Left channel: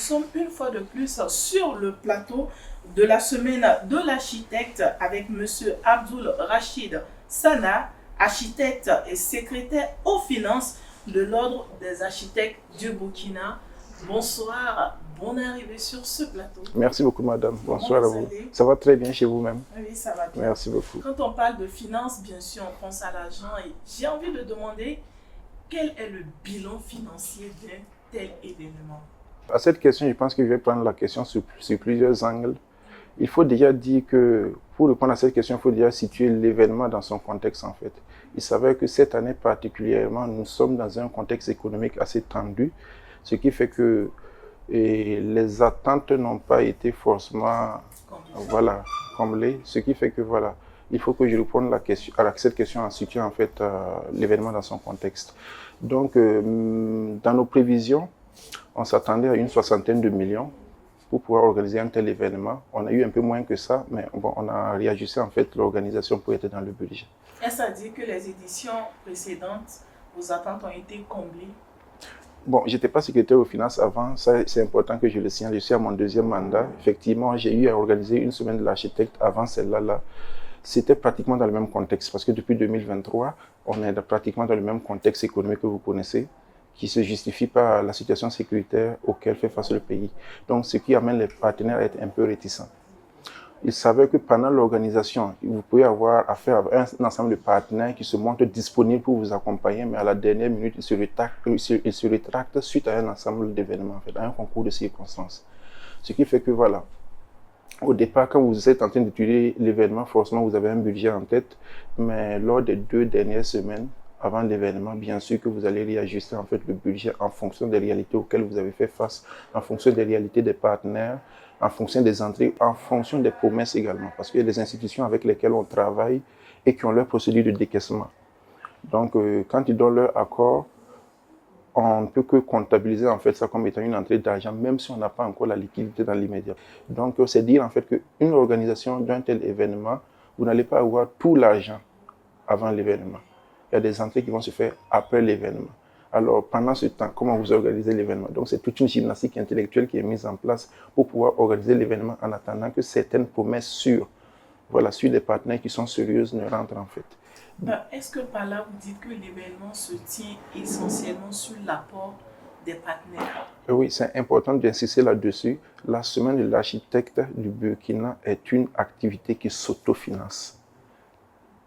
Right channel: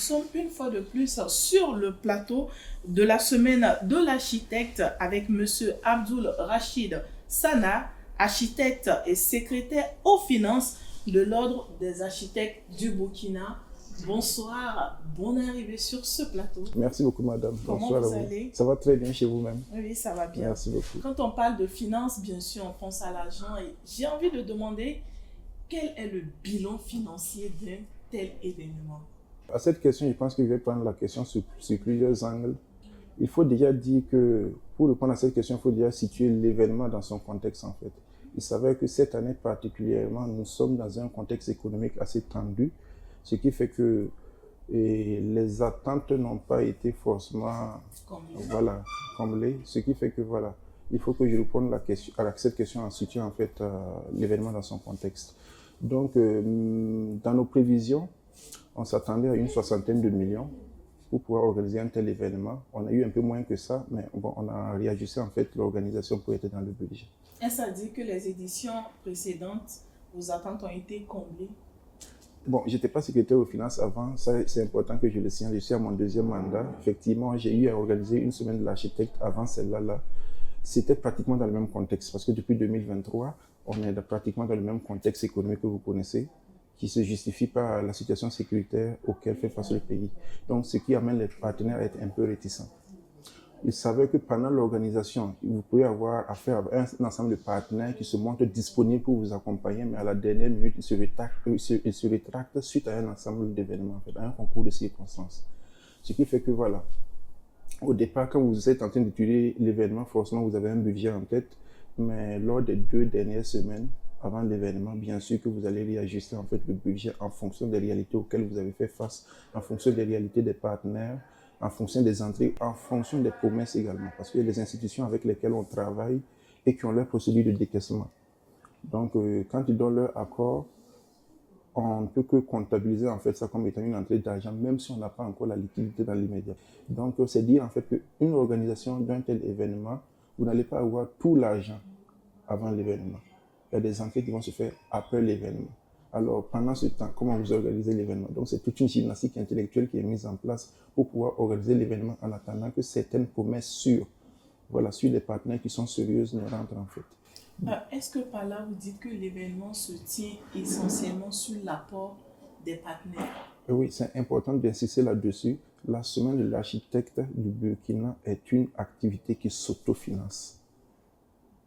sommes une fois de plus sur le plateau de la semaine de l'architecte avec Monsieur Abdul Rachid Sana, architecte et secrétaire aux finances de l'Ordre des architectes du Burkina. Bonsoir, bonne arrivée sur ce plateau. Merci beaucoup, madame. Comment Bonsoir à vous vous. allez? Ça va très bien chez vous-même? Oui, ça va bien. Merci beaucoup. Quand on parle de finances, bien sûr, on pense à l'argent et j'ai envie de demander quel est le bilan financier d'un tel événement? À cette question, je pense que je vais prendre la question sur plusieurs angles. Il faut déjà dire que, pour répondre à cette question, il faut déjà situer l'événement dans son contexte, en fait. Il s'avère que cette année particulièrement, nous sommes dans un contexte économique assez tendu, ce qui fait que les attentes n'ont pas été forcément comblées, ce qui fait que il faut que je réponde à cette question en situant en fait l'événement dans son contexte. Donc, dans nos prévisions, on s'attendait à une 60aine de millions pour pouvoir organiser un tel événement. On a eu un peu moins que ça, mais bon, on a réajusté en fait l'organisation pour être dans le budget. Est-ce à dire que les éditions précédentes, vos attentes ont été comblées? Bon, je n'étais pas secrétaire aux finances avant, ça c'est important que je le signale, je suis à mon deuxième mandat. Effectivement, j'ai eu à organiser une semaine de l'architecte avant celle-là. C'était pratiquement dans le même contexte, parce que depuis 2023, on est pratiquement dans le même contexte économique que vous connaissez, qui se justifie par la situation sécuritaire auquel fait face le pays. Donc, ce qui amène les partenaires à être un peu réticents. Il s'avère que pendant l'organisation, vous pouvez avoir affaire à un ensemble de partenaires qui se montrent disponibles pour vous accompagner, mais à la dernière minute, ils se rétractent suite à un ensemble d'événements, en fait, à un concours de circonstances. Ce qui fait que au départ, quand vous êtes en train d'étudier l'événement, forcément, vous avez un budget en tête, mais lors des 2 dernières semaines, avant l'événement, bien sûr que vous allez réajuster en fait le budget en fonction des réalités auxquelles vous avez fait face, en fonction des réalités des partenaires, en fonction des entrées, en fonction des promesses également, parce qu'il y a des institutions avec lesquelles on travaille et qui ont leur procédure de décaissement. Donc, quand ils donnent leur accord, on ne peut que comptabiliser en fait ça comme étant une entrée d'argent, même si on n'a pas encore la liquidité dans l'immédiat. Donc, c'est dire en fait qu'une organisation d'un tel événement, vous n'allez pas avoir tout l'argent avant l'événement. Il y a des entrées qui vont se faire après l'événement. Alors, pendant ce temps, comment vous organisez l'événement? Donc, c'est toute une gymnastique intellectuelle qui est mise en place pour pouvoir organiser l'événement en attendant que certaines promesses sûres, sur des partenaires qui sont sérieuses, ne rentrent en fait. Est-ce que par là, vous dites que l'événement se tient essentiellement sur l'apport des partenaires? Oui, c'est important d'insister là-dessus. La semaine de l'architecte du Burkina est une activité qui s'autofinance.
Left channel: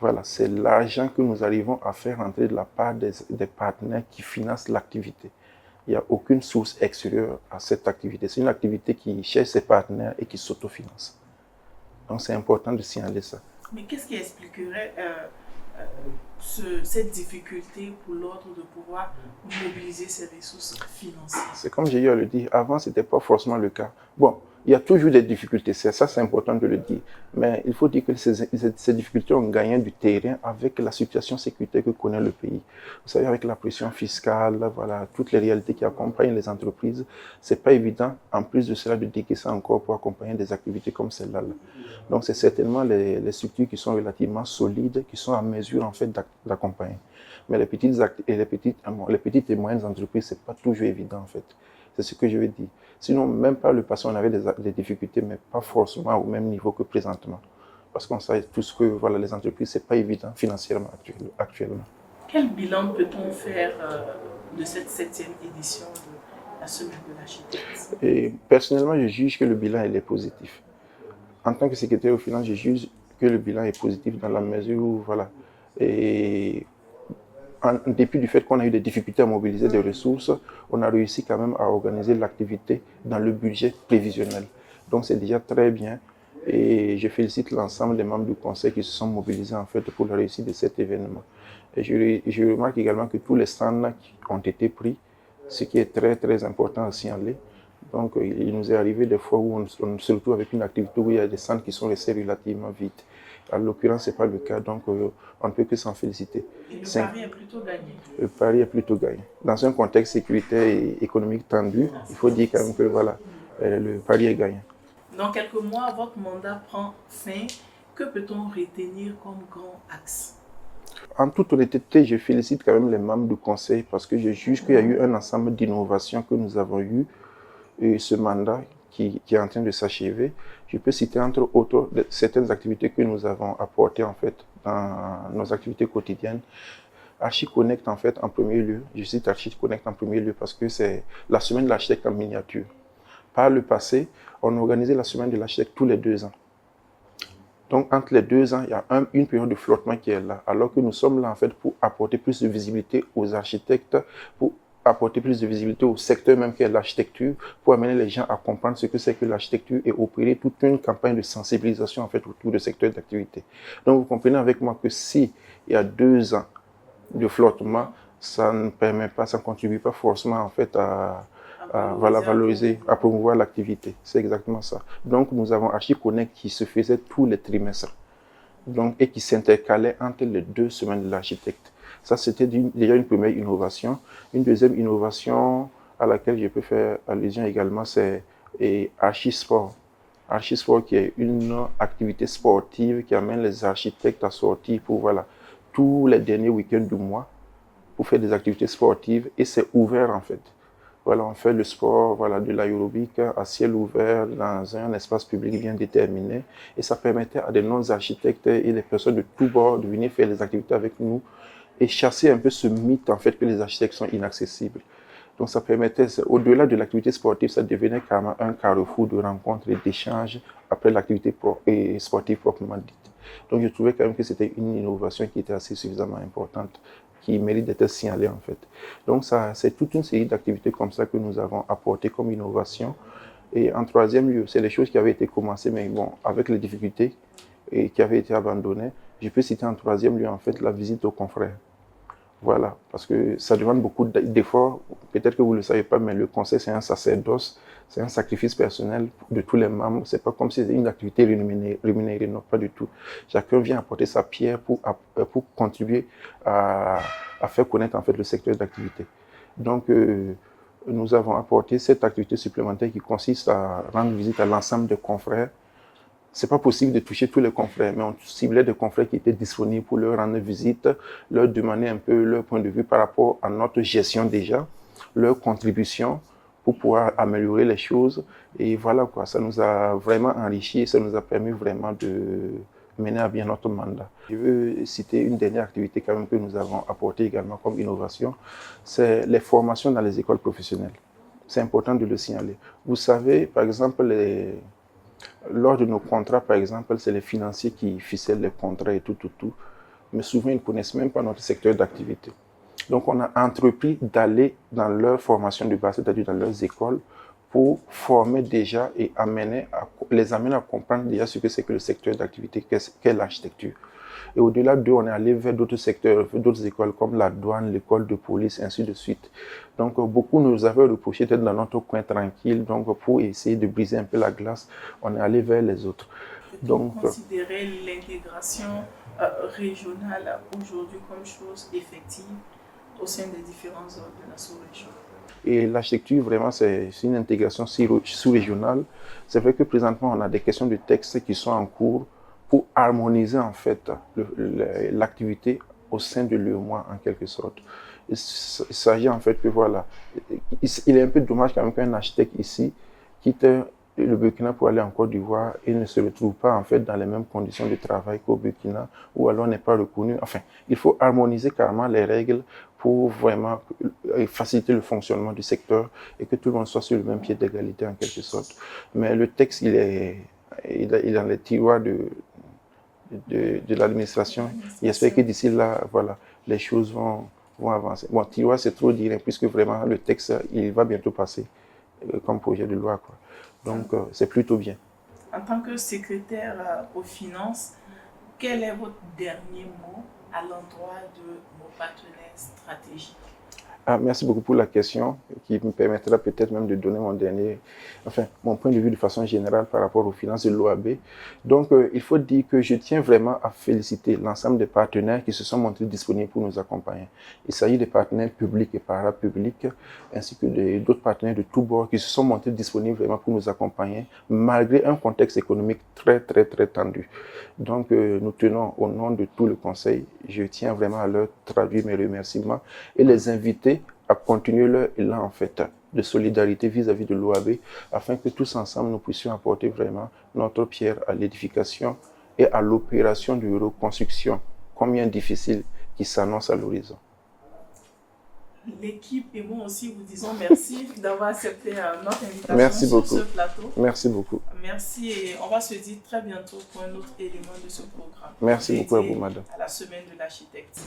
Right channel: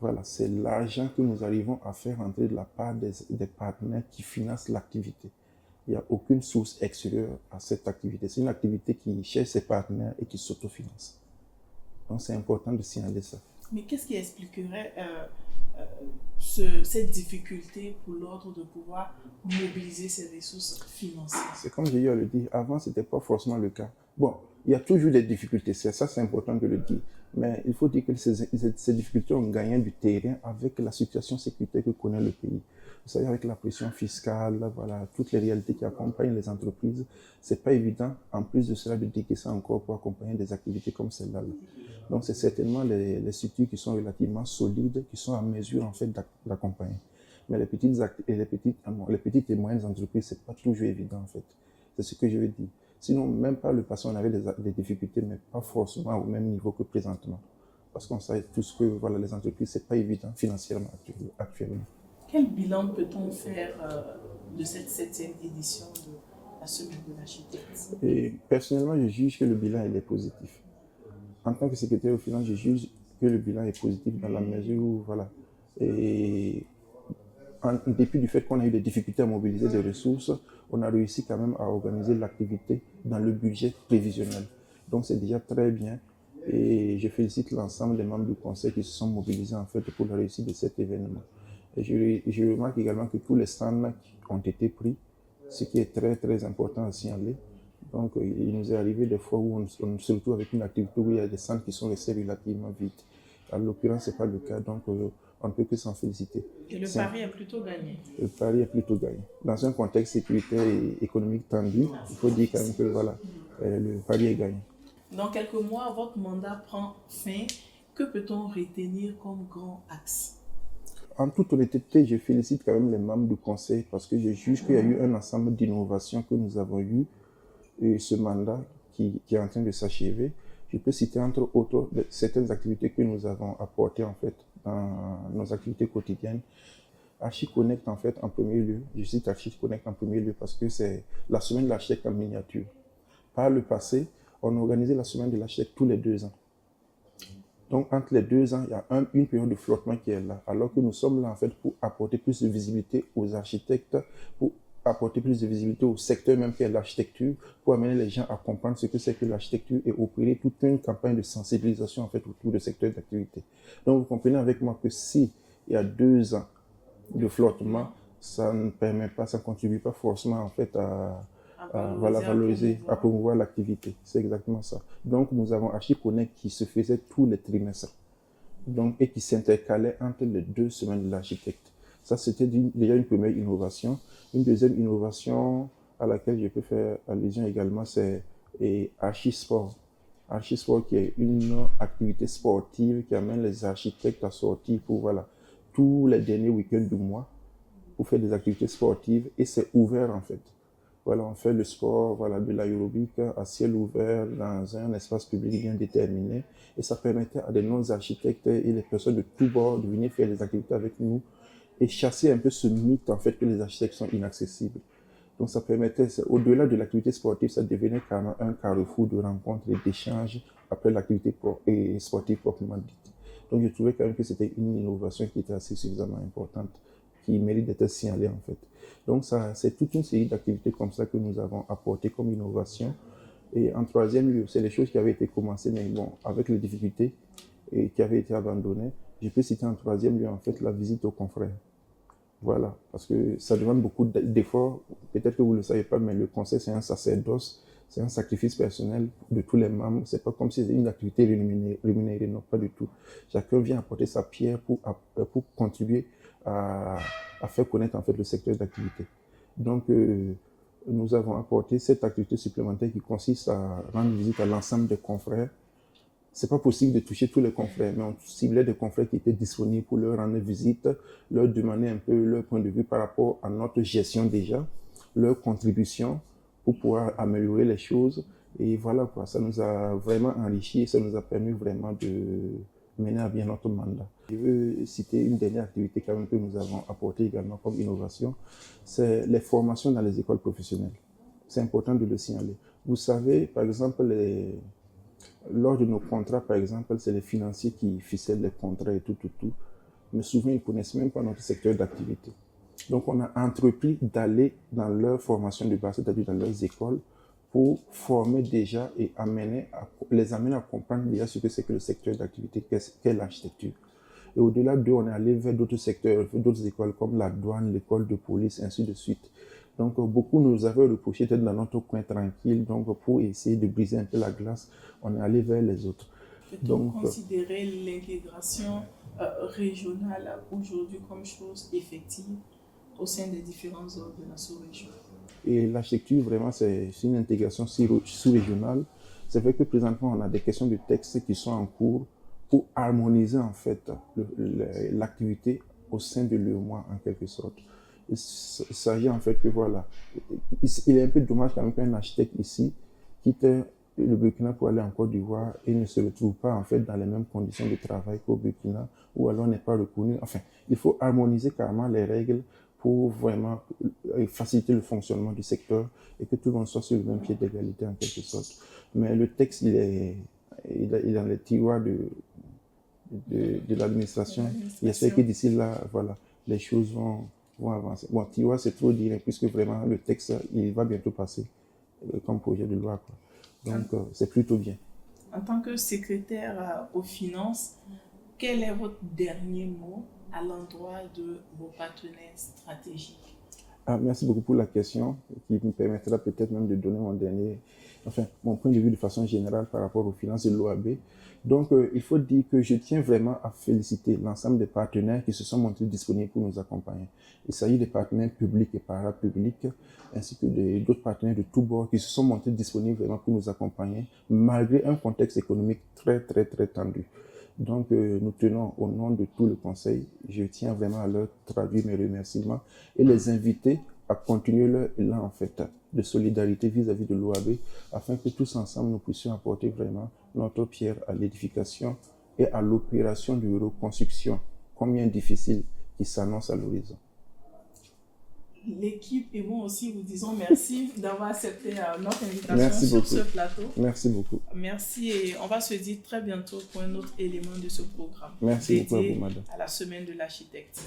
Voilà, c'est l'argent que nous arrivons à faire entrer de la part des partenaires qui financent l'activité. Il n'y a aucune source extérieure à cette activité. C'est une activité qui cherche ses partenaires et qui s'autofinance. Donc, c'est important de signaler ça. Mais qu'est-ce qui expliquerait cette difficulté pour l'ordre de pouvoir mobiliser ses ressources financières? C'est comme j'ai eu à le dire, avant, ce n'était pas forcément le cas. Bon, il y a toujours des difficultés, ça c'est important de le dire. Mais il faut dire que ces difficultés ont gagné du terrain avec la situation sécuritaire que connaît le pays. Vous savez, avec la pression fiscale, toutes les réalités qui accompagnent les entreprises, ce n'est pas évident, en plus de cela, de décaisser encore pour accompagner des activités comme celle-là. Donc, c'est certainement les structures qui sont relativement solides, qui sont en mesure, en fait, d'accompagner. Mais les petites et moyennes entreprises, ce n'est pas toujours évident, en fait. C'est ce que je veux dire. Sinon, même par le passé, on avait des difficultés, mais pas forcément au même niveau que présentement. Parce qu'on sait tous que les entreprises, ce n'est pas évident financièrement actuellement. Quel bilan peut-on faire de cette 7e édition de la Semaine de l'architecte? Et personnellement, je juge que le bilan il est positif. En tant que secrétaire aux finances, je juge que le bilan est positif dans la mesure où, et en dépit du fait qu'on a eu des difficultés à mobiliser des ressources, on a réussi quand même à organiser l'activité dans le budget prévisionnel. Donc c'est déjà très bien et je félicite l'ensemble des membres du conseil qui se sont mobilisés en fait pour la réussite de cet événement. Et je remarque également que tous les stands ont été pris, ce qui est très très important à signaler. Donc il nous est arrivé des fois où on se retrouve avec une activité où il y a des stands qui sont restés relativement vides. En l'occurrence, ce n'est pas le cas, donc on ne peut que s'en féliciter. Et le pari est plutôt gagné? Le pari est plutôt gagné. Dans un contexte sécuritaire et économique tendu, il faut dire quand même que le pari est gagné. Dans quelques mois, votre mandat prend fin. Que peut-on retenir comme grand axe? En toute honnêteté, je félicite quand même les membres du conseil parce que je juge qu'il y a eu un ensemble d'innovations que nous avons eues ce mandat qui est en train de s'achever, je peux citer entre autres certaines activités que nous avons apportées en fait dans nos activités quotidiennes. ArchiConnect en fait en premier lieu, je cite ArchiConnect en premier lieu parce que c'est la semaine de l'architecte en miniature. Par le passé, on organisait la semaine de l'architecte tous les 2 ans. Donc, entre les 2 ans, il y a une période de flottement qui est là, alors que nous sommes là, en fait, pour apporter plus de visibilité aux architectes, pour apporter plus de visibilité au secteur même qui est l'architecture, pour amener les gens à comprendre ce que c'est que l'architecture et opérer toute une campagne de sensibilisation, en fait, autour du secteur d'activité. Donc, vous comprenez avec moi que si il y a 2 ans de flottement, ça ne permet pas, ça ne contribue pas forcément, en fait, à valoriser, à promouvoir l'activité. C'est exactement ça. Donc, nous avons ArchiConnect qui se faisait tous les trimestres donc, et qui s'intercalait entre les 2 semaines de l'architecte. Ça, c'était déjà une première innovation. Une deuxième innovation à laquelle je peux faire allusion également, c'est ArchiSport. ArchiSport qui est une activité sportive qui amène les architectes à sortir pour tous les derniers week-ends du mois pour faire des activités sportives et c'est ouvert en fait. On fait le sport de l'aérobic à ciel ouvert dans un espace public bien déterminé. Et ça permettait à des non-architectes et les personnes de tous bords de venir faire des activités avec nous et chasser un peu ce mythe en fait que les architectes sont inaccessibles. Donc ça permettait, au-delà de l'activité sportive, ça devenait carrément un carrefour de rencontres et d'échanges après l'activité sportive proprement dite. Donc je trouvais quand même que c'était une innovation qui était assez suffisamment importante, qui mérite d'être signalée en fait. Donc ça, c'est toute une série d'activités comme ça que nous avons apportées comme innovation. Et en troisième lieu, c'est des choses qui avaient été commencées, mais bon, avec les difficultés et qui avaient été abandonnées. Je peux citer en troisième lieu en fait la visite aux confrères. Voilà, parce que ça demande beaucoup d'efforts. Peut-être que vous ne le savez pas, mais le conseil, c'est un sacerdoce, c'est un sacrifice personnel de tous les membres. C'est pas comme si c'était une activité rémunérée, non, pas du tout. Chacun vient apporter sa pierre pour contribuer à faire connaître en fait le secteur d'activité. Donc, nous avons apporté cette activité supplémentaire qui consiste à rendre visite à l'ensemble des confrères. C'est pas possible de toucher tous les confrères, mais on ciblait des confrères qui étaient disponibles pour leur rendre visite, leur demander un peu leur point de vue par rapport à notre gestion déjà, leur contribution pour pouvoir améliorer les choses. Et voilà quoi, ça nous a vraiment enrichi et ça nous a permis vraiment de mener à bien notre mandat. Je veux citer une dernière activité quand même que nous avons apportée également comme innovation, c'est les formations dans les écoles professionnelles. C'est important de le signaler. Vous savez, par exemple, lors de nos contrats, par exemple, c'est les financiers qui ficellent les contrats et tout. Mais souvent, ils ne connaissent même pas notre secteur d'activité. Donc, on a entrepris d'aller dans leur formation de base, c'est-à-dire dans leurs écoles, pour former déjà et les amener à comprendre déjà ce que c'est que le secteur d'activité, qu'est l'architecture. Et au-delà d'eux, on est allé vers d'autres secteurs, d'autres écoles comme la douane, l'école de police, ainsi de suite. Donc, beaucoup nous avaient reproché d'être dans notre coin tranquille. Donc, pour essayer de briser un peu la glace, on est allé vers les autres. Donc, considérer l'intégration régionale aujourd'hui comme chose effective au sein des différentes zones de la sous-région. Et l'architecture, vraiment, c'est une intégration sous-régionale. C'est vrai que présentement, on a des questions de texte qui sont en cours pour harmoniser en fait l'activité au sein de l'UEMOA en quelque sorte. Il s'agit en fait que il est un peu dommage quand même qu'un architecte ici quitte le Burkina pour aller en Côte d'Ivoire et ne se retrouve pas en fait dans les mêmes conditions de travail qu'au Burkina ou alors n'est pas reconnu. Enfin, il faut harmoniser carrément les règles pour vraiment faciliter le fonctionnement du secteur et que tout le monde soit sur le même pied d'égalité en quelque sorte. Mais le texte, il est dans les tiroirs de l'administration. J'espère que d'ici là, les choses vont avancer. Bon, tiroir, c'est trop dire, puisque vraiment le texte, il va bientôt passer comme projet de loi, quoi. Donc, c'est plutôt bien. En tant que secrétaire aux finances, quel est votre dernier mot à l'endroit de vos partenaires stratégiques? Merci beaucoup pour la question qui me permettra peut-être même de donner mon point de vue de façon générale par rapport aux finances de l'OAB. Donc, il faut dire que je tiens vraiment à féliciter l'ensemble des partenaires qui se sont montrés disponibles pour nous accompagner. Il s'agit des partenaires publics et parapublics, ainsi que d'autres partenaires de tous bords qui se sont montrés disponibles vraiment pour nous accompagner, malgré un contexte économique très, très, très tendu. Donc, nous tenons au nom de tout le Conseil, je tiens vraiment à leur traduire mes remerciements et les inviter à continuer leur élan en fait de solidarité vis-à-vis de l'OAB, afin que tous ensemble nous puissions apporter vraiment notre pierre à l'édification et à l'opération de reconstruction, combien difficile, qui s'annonce à l'horizon. L'équipe et moi aussi vous disons merci d'avoir accepté notre invitation sur ce plateau. Merci beaucoup. Merci et on va se dire très bientôt pour un autre élément de ce programme. Merci beaucoup à vous, madame. À la semaine de l'architecte.